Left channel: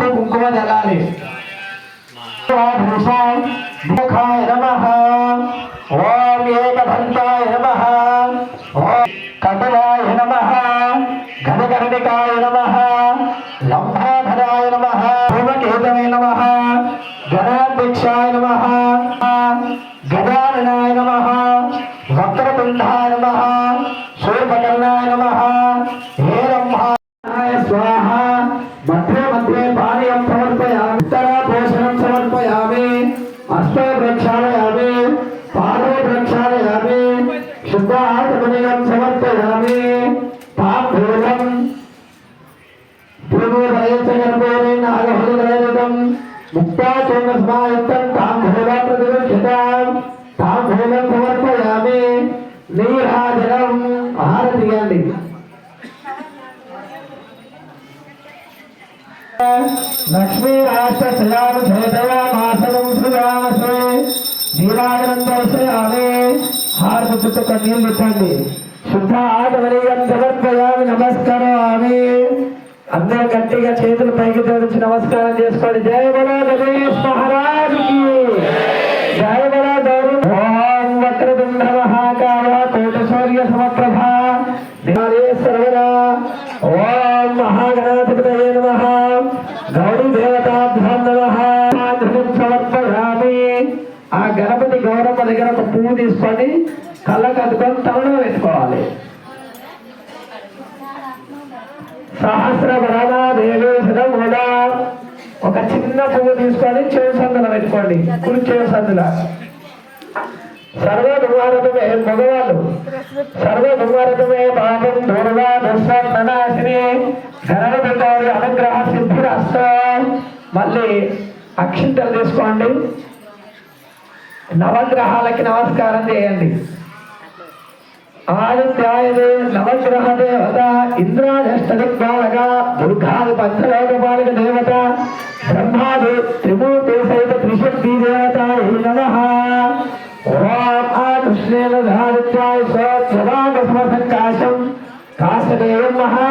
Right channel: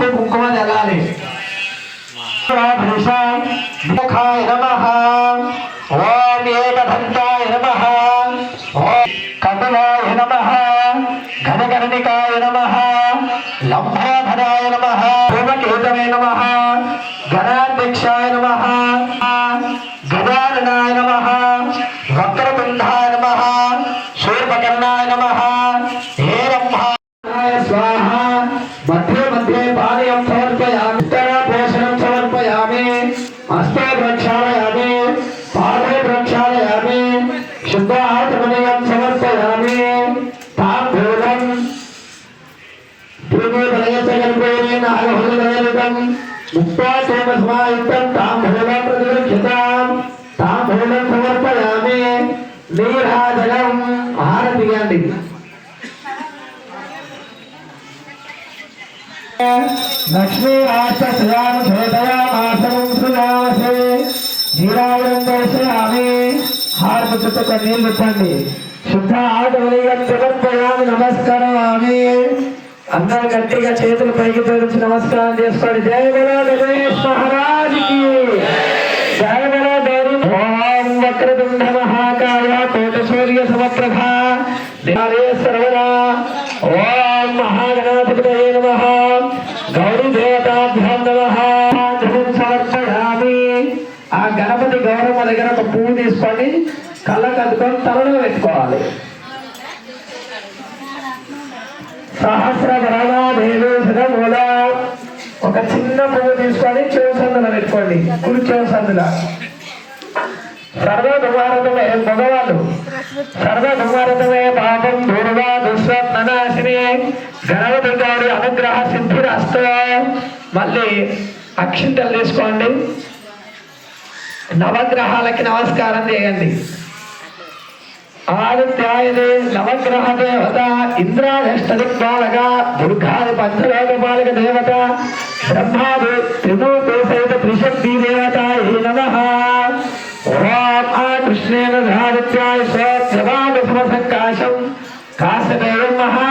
పసుపు కుంకుమ జల్లాలి ముఖాయ నమః ముక్తాచేన సమాయుక్తం తాంబూలం ప్రతిగృహ్యతాం నీరాజనం లక్ష్మీ రాష్ట్ర నీరాజనం దర్శయామి నీళ్ళు శుద్ధ ఆటవలియం సమర్పయామి అందరూ గట్టిగా చేతులు పైకి తోరించి నమస్కారం చేసుకోండి. జయ బలో జగదీష్ మహారాజ్కి సహస్ర మూల ఒక చిన్న పువ్వు తీసుకొని చెవు సందులో పెట్టుకోండి. కుడి చెవు సర్వ దుర్వారతమే మగవాళ్ళు సర్వ దుర్వారతమే పాపం దూర్వా దుస్వప్ననాశిని గణపతి గౌరి అనుగ్రహ సిద్ధిరస్తో మళ్ళీ అక్షింతలు తీసుకోండి. నవగ్రహాలకి నమస్కారం చేయండి. ఆదిత్యాయదే నవగ్రహ దేవత ఇంద్రాదష్టదిక్పాలక దుర్గాది పంచలోకపాలక దేవత బ్రహ్మాది త్రిమూర్తి సహిత త్రిశక్తి దేవత ఈ ఓం ఆ కృష్ణేన ధారిత్యాయ సత్యవాగ సమసంకాశం కాశదేవం మహా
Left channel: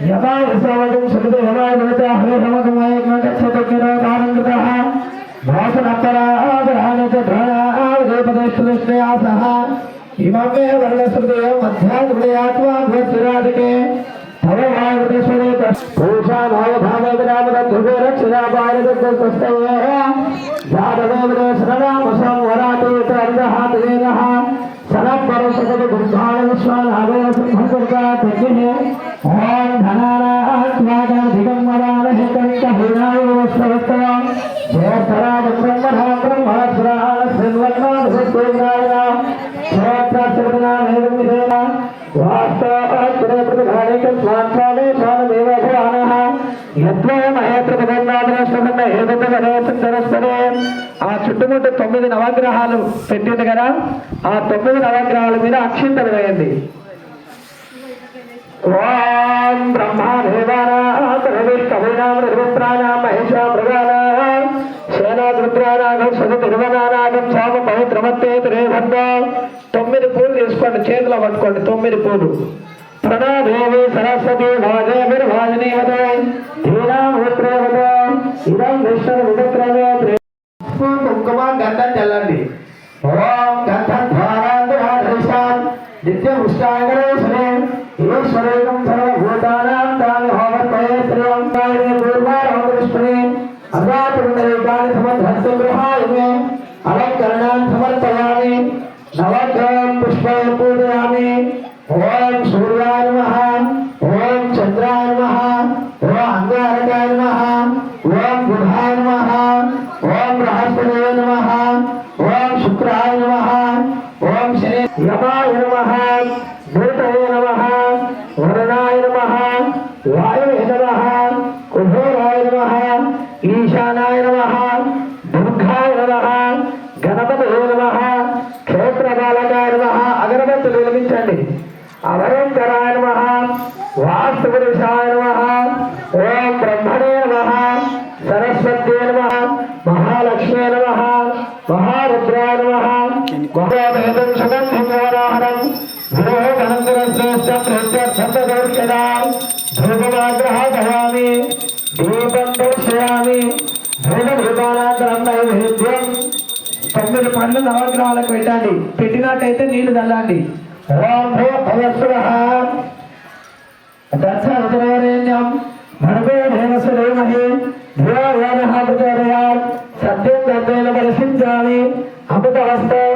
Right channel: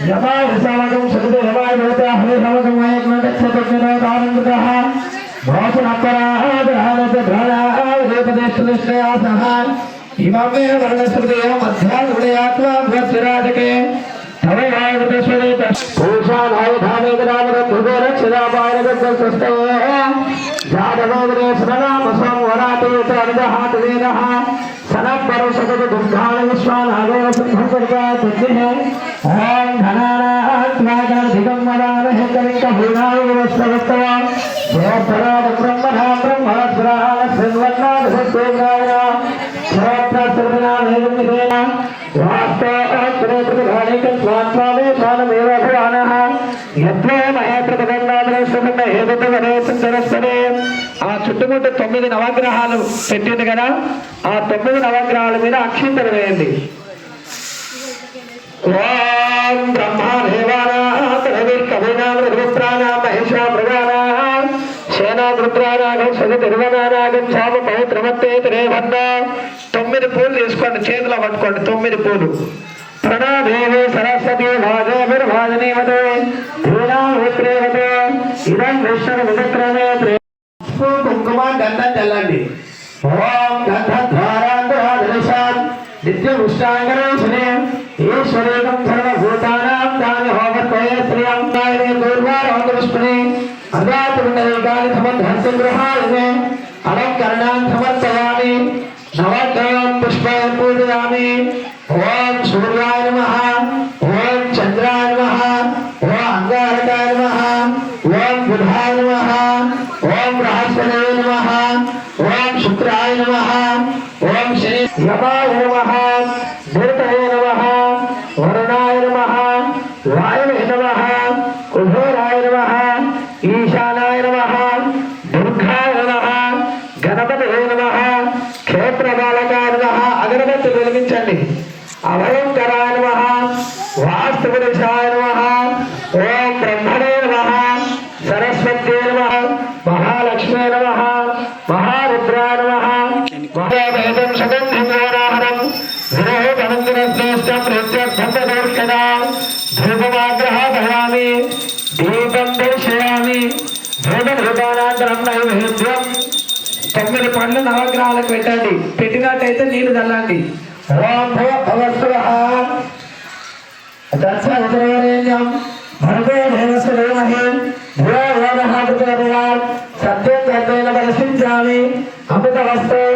यदा यशावगं सकृते यदा देवता हरे रमगमयेन न गच्छतज्ञनादानन्दः भासनपराधरानपधरादेशदृष्टया सह इमं मे वर्णस्मृतयम् अध्यात्मयात्मा भवत्सिराजके तव भागतस्वरे तोषानावधानेतरामरभुगो रक्षिरापारगस्तस्तवः जातनोदरे शरणामसं वराटो च अनुदः त्रिवेदः सनः परसगतदुग्धाय ఆ చుట్టుముట్టు తొమ్మిది నవగ్రహాలు పెట్టింది కదా ఆ తొమ్మిది నవగ్రహాల మీద అక్షింతలు వేయండి. ఓం బ్రహ్మా దేవానాం రవిర్కవినాం రవిప్రాణాం మహేశా మృగానాం సేనాపుత్రానాగం శని తిరువనానాగం శ్యామ పవిత్రమత్తే త్రేవన్న తొమ్మిది పూలు తీసుకోండి చేతిలో పట్టుకోండి తొమ్మిది పూలు. ప్రణాదేవి సరస్వతి వాజేభిర్వాజనీవతే ధీరామిత్రేవతే ఇదం విష్ణు వివిక్రమే प्रभावे अलङ्करणान् समर्पयामि। नवग्रहं पुष्पं पूजयामि ॐ सूर्याय नमः। ॐ चन्द्राय नमः। ॐ अङ्गारकाय नमः। ॐ बुधाय नमः। ॐ बृहस्पतये नमः। ॐ शुक्राय नमः। ॐ शनि यमाय नमः। भूतये नमः। वरुणाय नमः। वायुवे नमः। कुबेराय नमः। మహావేదం సుగంధం వారాహరం విరోహమందిరశ్రేష్టం ప్రత్యర్థంబదర్శనా ధూపమాగ్రహాభయామి దీపం దర్శయామి ధూపభూతానంతరం నైవేద్యం తొమ్మిది పండ్లు నవగ్రహాలకు పెట్టండి పెట్టినట్టయితే నీళ్ళు చల్లండి ఓం సత్యం దర్శన పరిశించామి అమృతవస్తు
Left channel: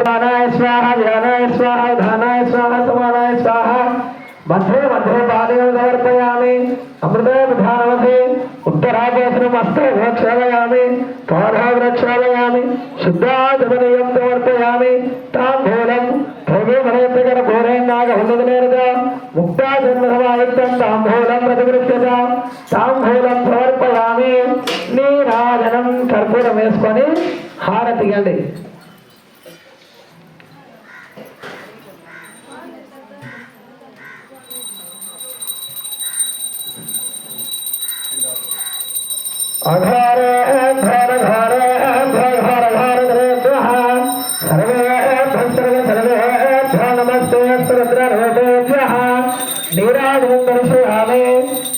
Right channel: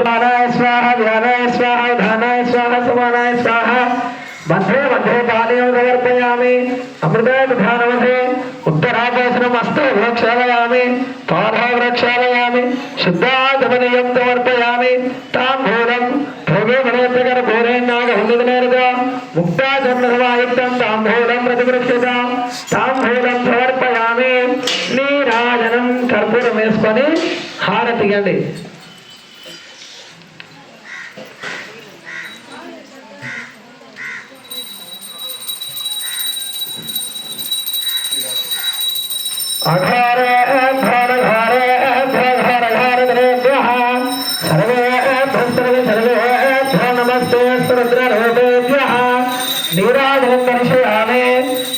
అమృతానాయ స్వాహ ధ్యానాయ స్వాహ ధానాయ స్వాహ సమానాయ స్వాహ मध्ये मध्ये पानीयं समर्पयामि अमृतोपधानमध्ये उत्तरापोषणमस्तु प्रक्षालयामि पादाग्रक्षालयामि शुद्धागमनीयं समर्पयामि ताम्बूलं भोगे मनोत्तकर घोरेणागहुन्दनेरज मुक्ताचन्द्रसमायुक्तं ताम्बूलं प्रतिगृह्यत ताम्बूलं समर्पयामि నీరాజనం కర్పూరం వేసుకొని హారతి ఇవ్వండి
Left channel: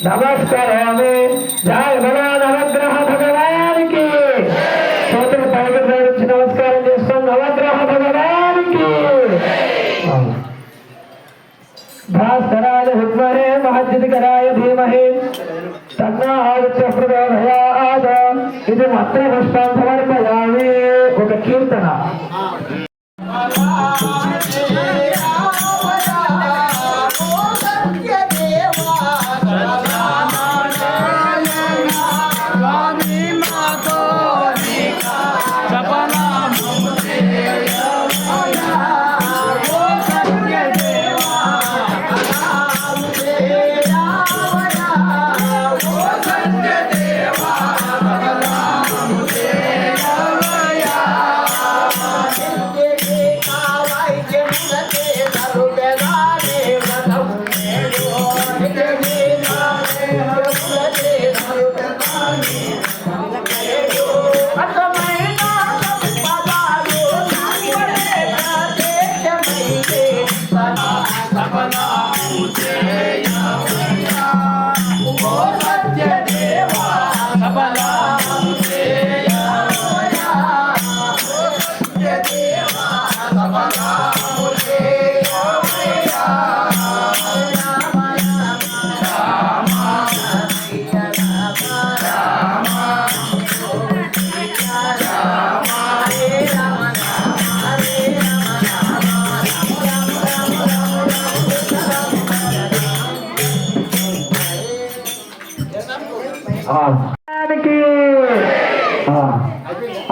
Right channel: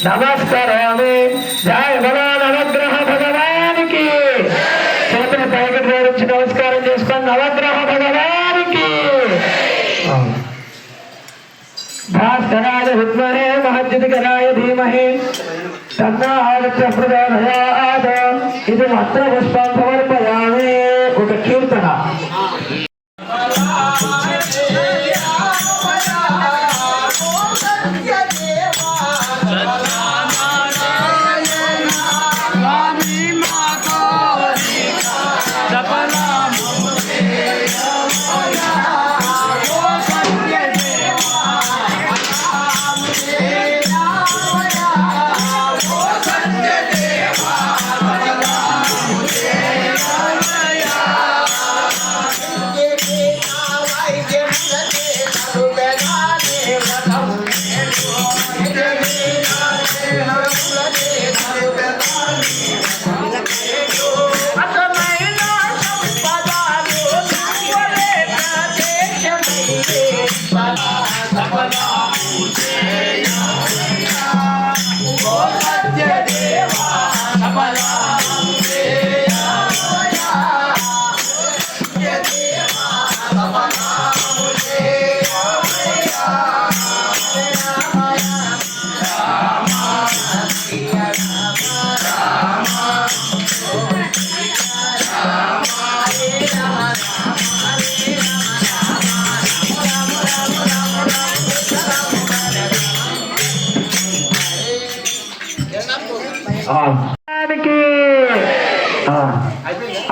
నమస్కరామి జయ బలో నవగ్రహ భగవానికి చేతులు పైకి జోడించి నమస్కారం చేసుకొని నవగ్రహ భగవానికి భాస్కరాయ విద్మహే మహద్యుతికరాయ ఇది మాత్రం పుష్పాంత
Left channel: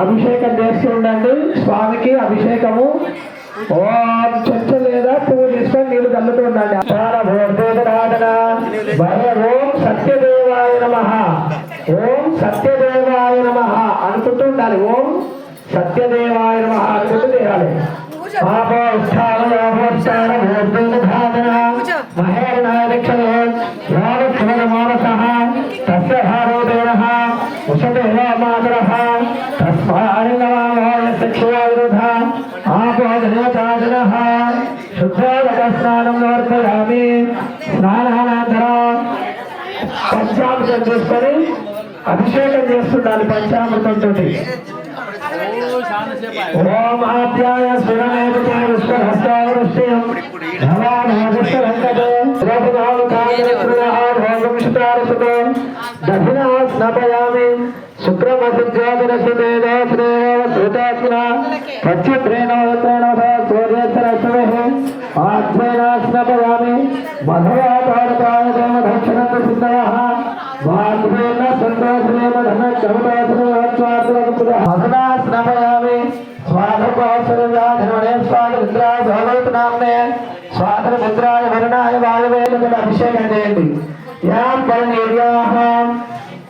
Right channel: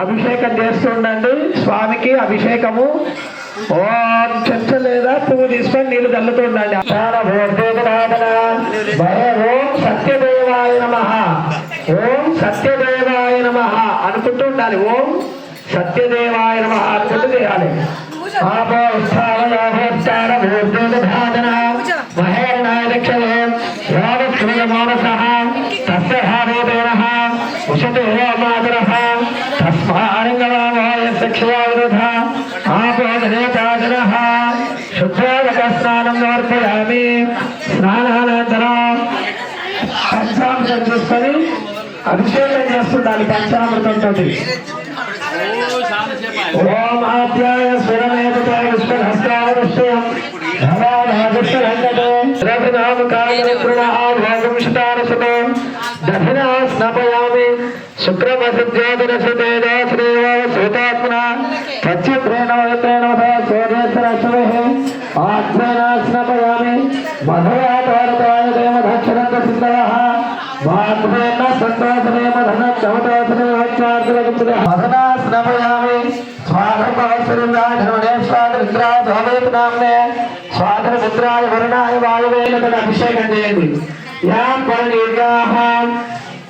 అభిషేకం చేస్తుండండి స్వామికి అభిషేకము. ఓ చెంచ లేదా పువ్వు తీసుకొని నీళ్ళు చల్లుతూ ఉండండి మాతరః తస్మాన్ నమామాయ శిక్షయా విరుధ ఆపో ధనేతాజనః శుద్ధోదక స్నానం సమర్పయామి స్నానానంతరం పంచామృతం తీసుకొని అభిషేకం చేస్తుండాలి పంచామృతంతో ఓం ఆద్యాయ స్వరమేవతే విష్ణుహస్తావృష్యం రఘునామకాయపుణాభోగంశతారసతే దక్షిణా స్నపయామి శుక్రమసిద్ధ్యాదరసదేదాశ్రేవ శ్వేతాత్మన పశ్చిత్రేణ వయత్రేణ సూర్యస్రశ్మే ఆత్రేణ స్నపయామి మధురాతారకాయ దేవ దక్షిణత సిద్ధः వాగ్వేన సంతోషేన ధన చౌటాశ్రేయాచార్యుల మధురా స్నపయామి స్వాధకాసురుణాధరణే వరుణాయ వాయువే అభిషేకం చేయండి. యాం పరనీర్యాహ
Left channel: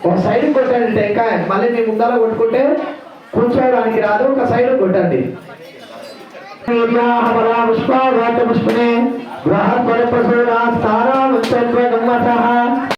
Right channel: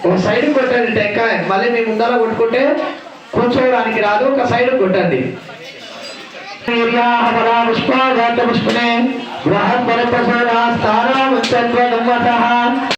ఒక సైడ్ కొట్టాడు టెంకాయ మళ్ళీ మీ ముందర కొట్టుకుంటే కూర్చోవడానికి రాదు ఒక సైడ్ కొట్టండి. పుష్పాఘాత పుష్పనే గ్రహ పరపసూరా స్థానాముచ్చత్వ గమ్మతః